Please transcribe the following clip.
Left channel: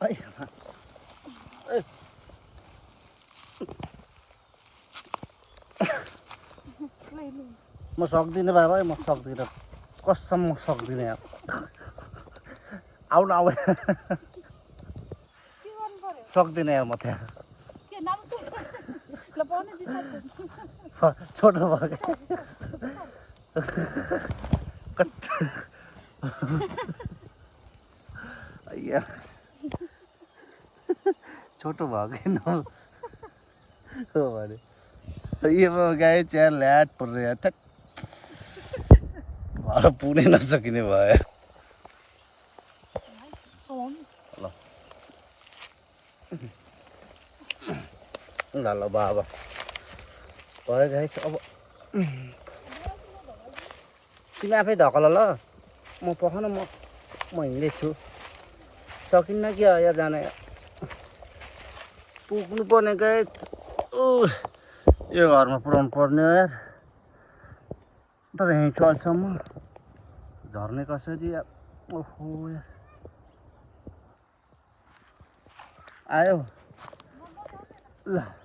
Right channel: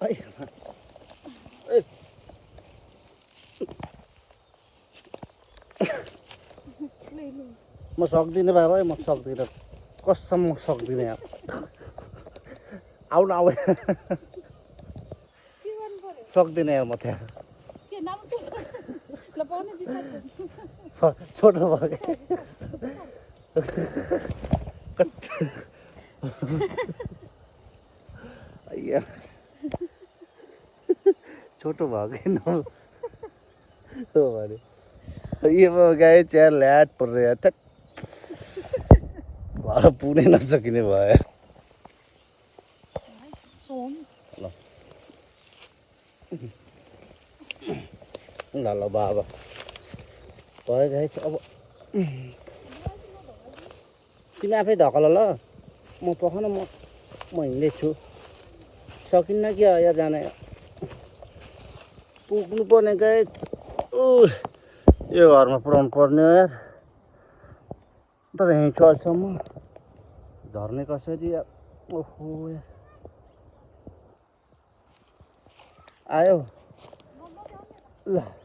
म सक्दिनँ बाबा म सक्दिनँ कसम म सक्दिनँ यार आउनु आउ सक्दिनँ यार म त्यहाँ छोटो भयो क्या छोटो भयो कि भने ये गए चिया ल्याट परेर थ्याट भएर पुग्नै नसकिने भयो ल ल बाबा भयो गाई अब तिमी आफै धकल ल म पखान म हिँड्दैछु सकिन्न कि यहाँ जान पुग्नु पर्ने गाई यो घरमा पुऱ्याउनु पर्ने हो यार तर यहीँ चल्छम्म झर्ने कसरी ओहो यार आयो ल